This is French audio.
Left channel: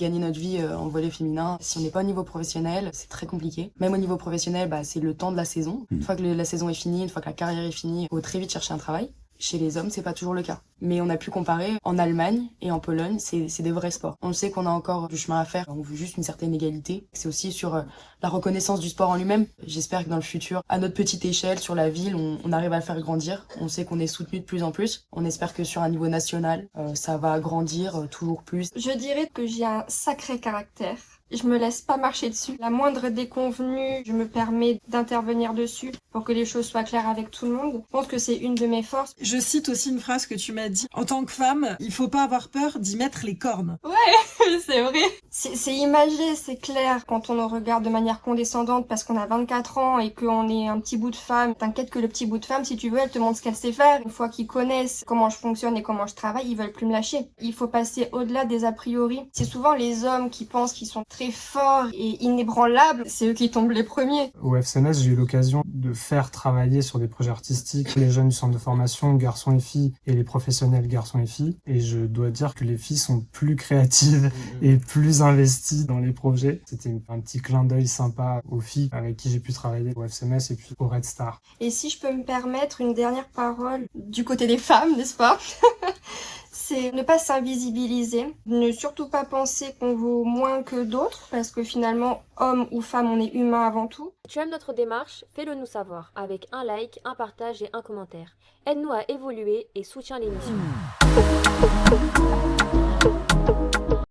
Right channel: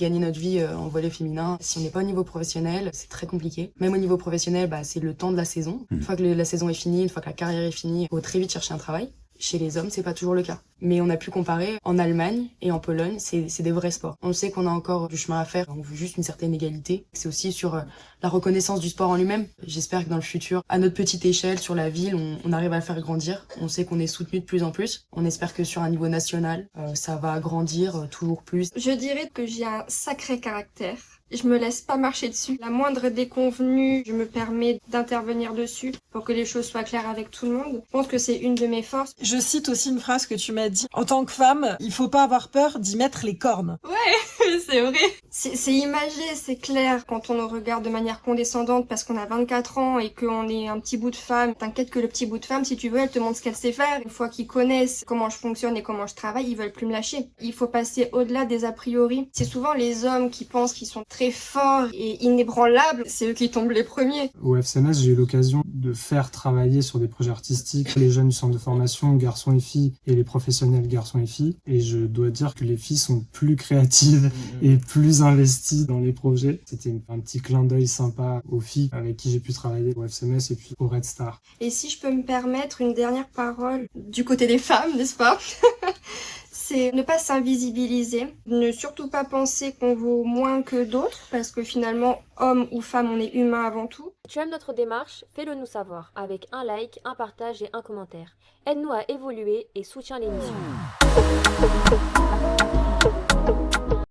Gagner notre vie en volley féminin, si on n'est pas au niveau professionnel, c'est très compliqué. Même au niveau professionnel, c'est le temps de la saison. Une fois que la saison est finie, une fois que la carrière est finie, il faut très vite chercher un travail. Chez les hommes, c'est pas toujours le cas. Mais on a pu comparer en Allemagne et en Pologne, c'est des vrais sports. On sait qu'on a encore du chemin à faire, on veut juste une certaine égalité. C'est aussi sur la reconnaissance du sport en lui-même. J'espère que dans le futur, à notre petite échelle, sur la ville, on arrive à le faire grandir. On sait qu'on est soutenu de plus en plus. On espère que sur un niveau national, ça va grandir toujours plus. Je dirais que j'ai un sacré caractère. Je me laisse pas marcher dessus. La moindre déconvenue, je me permets d'intervenir dessus pour que les choses soient claires avec tout le monde. Je pense que c'est une de mes forces. Je cite aussi une phrase que tu m'as dit. En tant que femme, il faut pas avoir peur d'y mettre les cornes. Ouais, c'est vrai. C'est imagé, c'est clair. Quand on nous regarde de manière condescendante parce qu'on a 24 ans et qu'on est un petit bout de femme, t'inquiète que le petit bout de femme, si tu veux, elle te montre ce qu'elle sait faire. Une fois qu'ils connaissent comment je fonctionne et comment je travaille, ils veulent plus me lâcher. Il faut passer au-delà des a priori. C'est souvent les hommes qui pensent qu'ils sont très forts et inébranlables, c'est eux qui tombent les premiers. Au FCMS, j'ai eu l'occasion de faire travailler sur des projets artistiques les jeunes du centre de formation, garçons et filles, et les professionnels garçons et filles. Et je dois dire que les filles sont plus créatives et plus investies dans les projets. C'était un petit clin d'œil sympa aux filles avec qui j'ai pu travailler au FCMS et puis au Red Star. Et si je peux me permettre une dernière parole du côté des femmes, n'est-ce pas? C'est ne pas s'invisibiliser, ne surtout pas penser qu'on vaut moins que d'autres, parce que finalement, homme ou femme, on est humain avant tout. Tu aimes notre démarche? Fais-le nous savoir, avec un like, un partage et un commentaire. Aide-nous à évoluer et soutiens l'émission.